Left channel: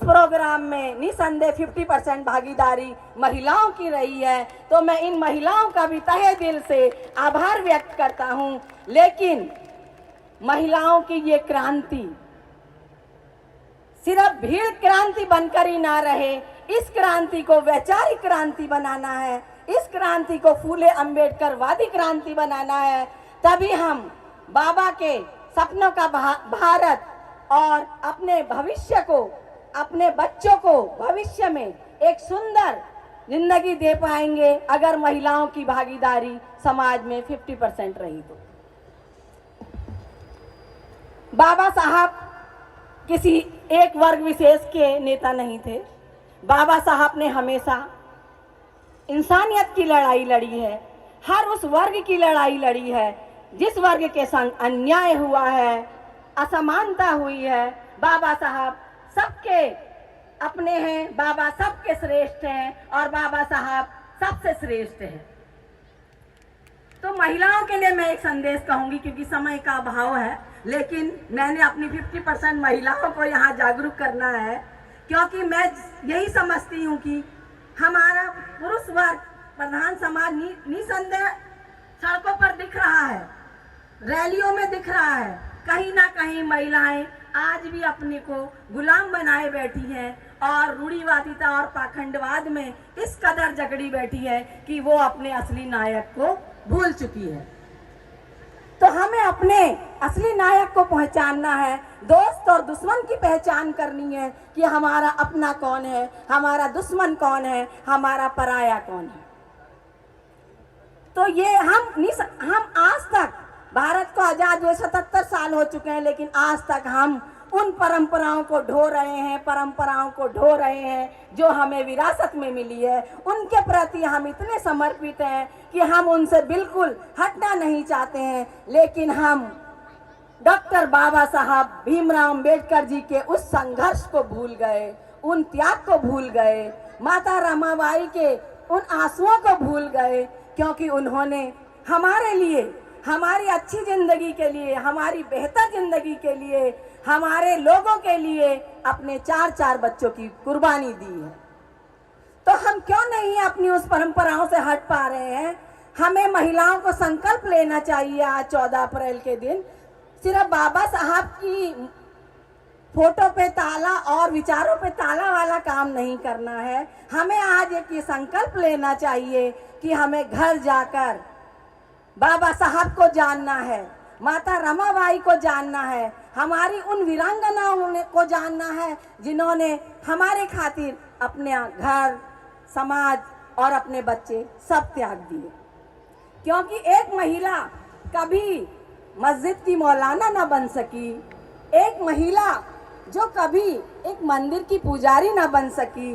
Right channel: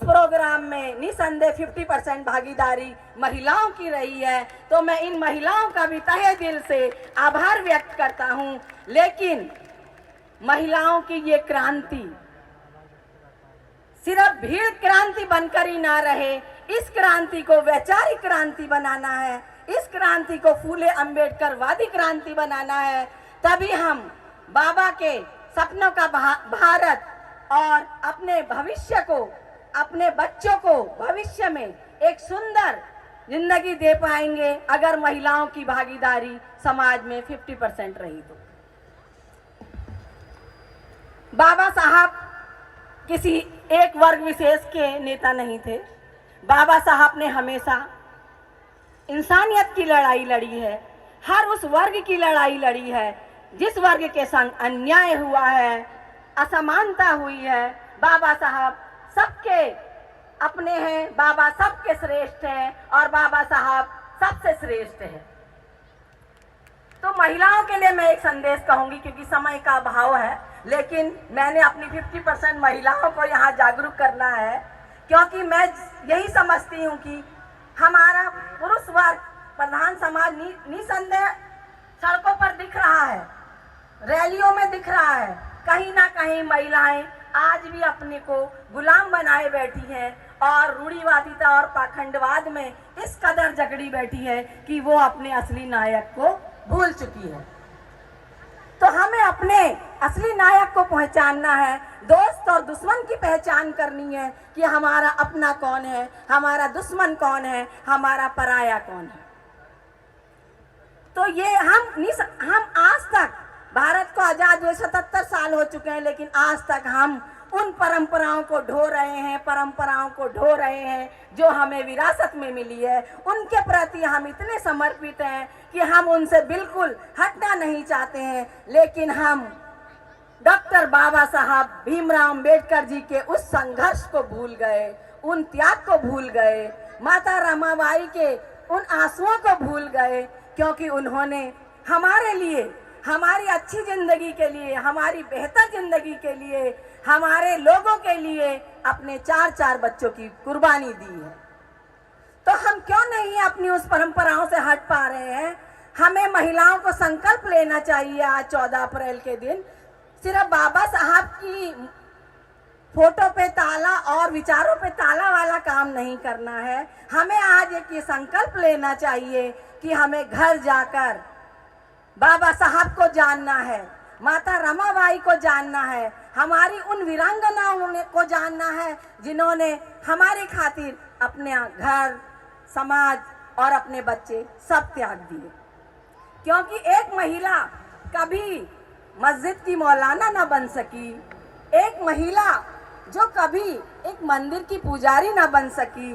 Programme में निसंदेह 50% भागीदारी महिलाओं की रही है, तो मैं इन महिलाओं का भी तहे दिल से आभार व्यक्त करता हूं। लेकिन महिलाओं की ये क्रांति सिर्फ भीड़ क्रांति बनकर ही ना रहे, इस क्रांति को वैचारिक क्रांति बनाना है, इस क्रांति को फूले अंबेडकर वादी क्रांति बनाना है। तभी हम बाबा के सपनों का भारत और अपने भविष्य को, अपने बच्चों को भविष्य में एक सुंदर जिंदगी दे पाएंगे, अगर महिलाओं की भागीदारी समाज में 50% रही तो। बाबा साहब किसी एक वर्ग विशेष के नेता नहीं थे। बाबा साहब ने हमेशा इंसानियत की लड़ाई लड़ी है, हर उस वर्ग की लड़ाई लड़ी है जिस वर्ग के संग अन्याय हुआ है, असमानता हुई है। बाबा साहब सबके अपने हैं, बाबा सबके श्रेष्ठ हैं और बाबा साहब सबसे श्रेष्ठ हैं। तो महिलाओं के लिए मैं एक संदेश कहूंगी, क्योंकि समय का अभाव है, लेकिन मैंने अपनी 50% महिलाओं को यहाँ जागरूक करना है, क्योंकि मैं यही समझती हूँ कि हमारा पुरुष वर्ग प्रधान समाज निसंदेह सड़कों पर दिख रहा है, रैलियों में दिख रहा है। कहीं ना कहीं महिलाएं आज भी अपने को गुलाम बनाए बैठी हैं और रूढ़िवादिता और पाखंडवाद में इस कदर जकड़ी बैठी है कि वो अपने असली नायक को भूल चुकी है। तो हमें अपने असली नायक को पहचानना है, दोस्त और दुश्मन की पहचान करनी है कि हमारा अपना कौन है, हमारा दुश्मन कौन है, हमारा पराया कौन है। तो ये हम आज तक, भारत को आजाद हुए 77 साल हो चुके हैं, लेकिन आज तक हम उन परंपराओं को ढो रहे हैं, परंपराओं को ढो रहे हैं जो हमें विरासत में मिली है। उनके प्रति हम इतने समर्पित हैं कि हम उनसे बिल्कुल हटना नहीं चाहते हैं। लेकिन हम डॉक्टर बाबा साहब भीमराव अंबेडकर जी के उस संघर्ष को भूल गए, उन त्याग को भूल गए, माता रमाबाई के उन आंसुओं को भूल गए, क्योंकि उन्होंने हमारे लिए, हमारी अच्छी जिंदगी के लिए, हमारी बेहतर जिंदगी के लिए, हमारे लोगों के लिए अपने 4 बच्चों की कुर्बानी दी है। तो हम क्यों नहीं अपनी उस परंपराओं से हट पा रहे हैं? हमें महिलाओं को संकल्प लेना चाहिए आज 14 अप्रैल के दिन। सिर्फ बाबा साहब की फोटो पे ताला और विचारों पे ताला वाला काम नहीं करना है। हमें आज एक ये संकल्प लेना चाहिए कि हमें घर जाकर बाबा साहब को जानना है, माता रमाबाई को जानना है, हमारी उन वीरांगनाओं को जानना है जिन्होंने हमारे खातिर अपने घर, समाज और अपने बच्चे सब त्याग दिए। क्योंकि एक महिला कभी मस्जिद की मौलाना न बन सकी, एक महिला जो कभी एक मंदिर की पुजारी न बन सकी,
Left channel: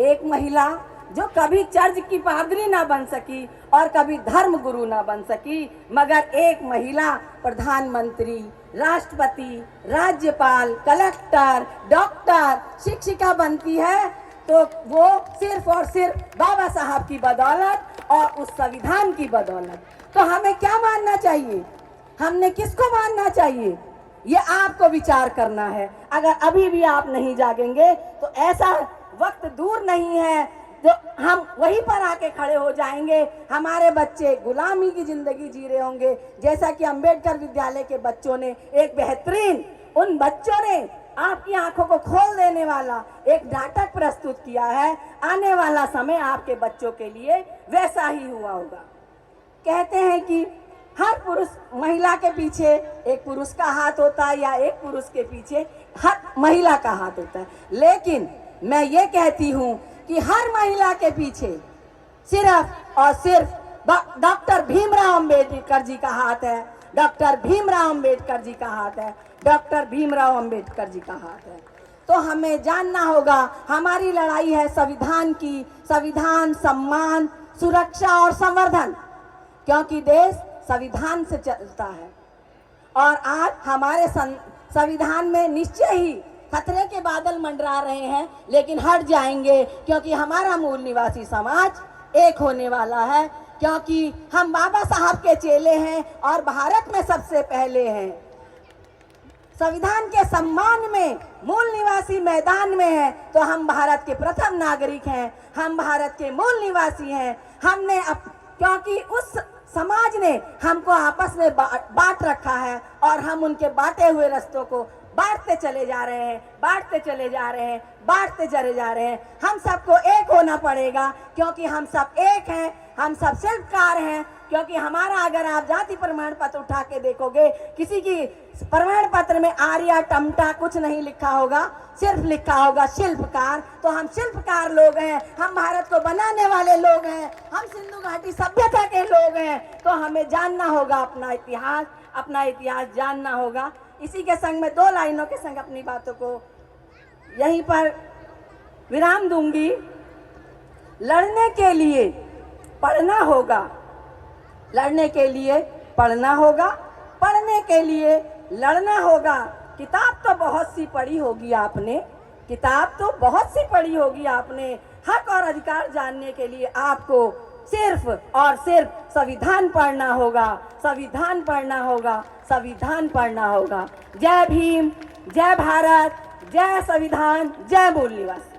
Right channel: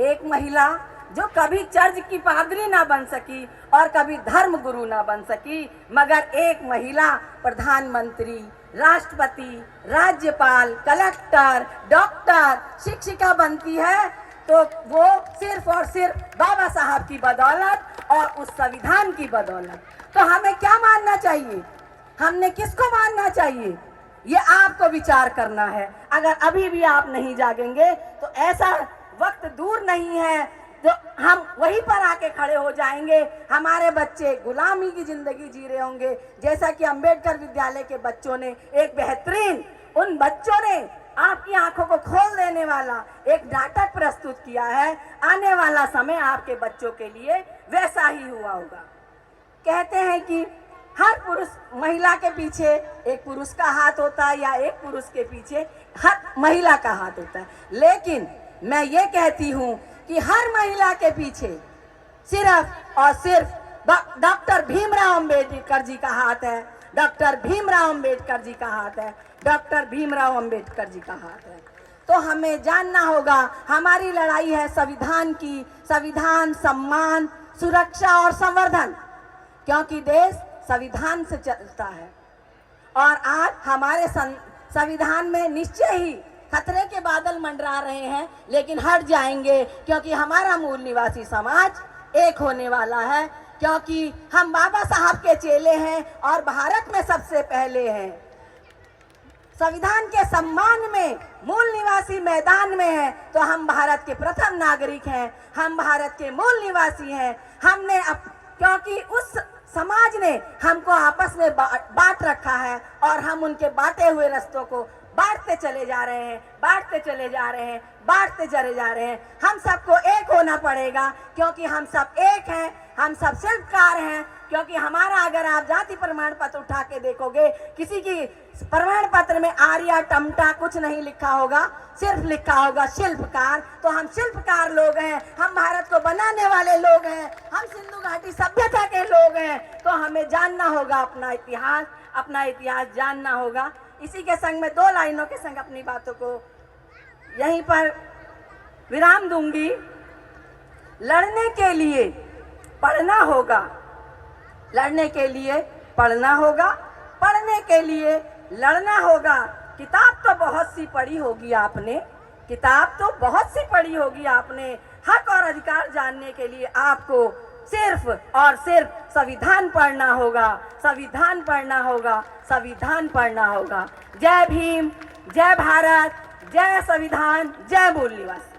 एक महिला जो कभी चर्च की पादरी ना बन सकी और कभी धर्म गुरु ना बन सकी, मगर एक महिला प्रधानमंत्री, राष्ट्रपति, राज्यपाल, कलेक्टर, डॉक्टर, शिक्षिका बनती है, तो वो सिर्फ और सिर्फ बाबा साहब की बदौलत और उस संविधान की बदौलत। तो हमें क्या मानना चाहिए, हमने किसको मानना चाहिए, ये आपको विचार करना है। अगर अभी भी आप नहीं जागेंगे तो ऐसा वक्त दूर नहीं है तो हम वहीं पर आके खड़े हो जाएंगे। हमारे बच्चे गुलामी की जिंदगी जी रहे होंगे, जैसा कि अंबेडकर विद्यालय के बच्चों ने एक बेहतरीन, उन बच्चों ने आपकी आंखों को खोल देने वाला एक नाटक प्रस्तुत किया है। आने वाला समय आपके बच्चों के लिए वैसा ही हुआ होगा। कहते हैं कि हर पुरुष, महिला के पीछे एक पुरुष का हाथ होता है या एक पुरुष के पीछे हर महिला का हाथ होता है, लेकिन मैं ये कहती हूँ कि हर महिला के पीछे सिर्फ और सिर्फ डॉक्टर भीमराव अंबेडकर जी का हाथ है, डॉक्टर भीमराव अंबेडकर जी का हाथ है, डॉक्टर भीमराव अंबेडकर जी का हाथ है। तो हमें जानना होगा, हमारी लड़ाई है संविधान की, संविधान, सम्मान, सुरक्षा और संवर्धन, क्योंकि देश संविधान से चलता है। और आज हमारे संविधान में निश्चय ही खतरे के बादल मंडरा रहे हैं, लेकिन हट जाएंगे, क्योंकि हमारा मूल निवासी समाज एक होने वाला है, क्योंकि हम बाबा साहब के चेले हैं और भारत में सबसे पहले हैं। संविधान के सम्मान में मूल निवासी मैदान में है तो हम भारत के प्रथम नागरिक हैं, हम भारत के मूल निवासी हैं। हमने क्योंकि उस समाज ने हमको आपस में बांट रखा है और हम उनके बांटे हुए रास्तों को बांटते चले जा रहे हैं, बांटते चले जा रहे हैं, बांटते चले जा रहे हैं। हम सबको एक होना पड़ेगा क्योंकि हम सब एक हैं, हम सब शिल्पकार हैं। क्योंकि हमारा अगर आप जाति प्रमाण पत्र उठा के देखोगे, किसी की प्रमाण पत्र में आर्या टमटा कुछ नहीं लिखा होगा, सिर्फ लिखा होगा शिल्पकार। तो हम शिल्पकार लोग हैं, हम भारत को बनाने वाले लोग हैं, हम सिंधु घाटी सभ्यता के लोग हैं। तो हमें जानना होगा अपना इतिहास जानना होगा। इसी के संग में 2 लाइनों के संग अपनी बातों को यहीं पर विराम दूंगी। लड़ने के लिए पढ़ना होगा, लड़ने के लिए पढ़ना होगा, पढ़ने के लिए लड़ना होगा। किताब तो बहुत सी पढ़ी होगी आपने, किताब तो बहुत सी पढ़ी होगी आपने। हक और अधिकार जानने के लिए आपको सिर्फ और सिर्फ संविधान पढ़ना होगा, संविधान पढ़ना होगा, संविधान पढ़ना होगा। जय भीम, जय भारत, जय संविधान, जय मूल निवासी।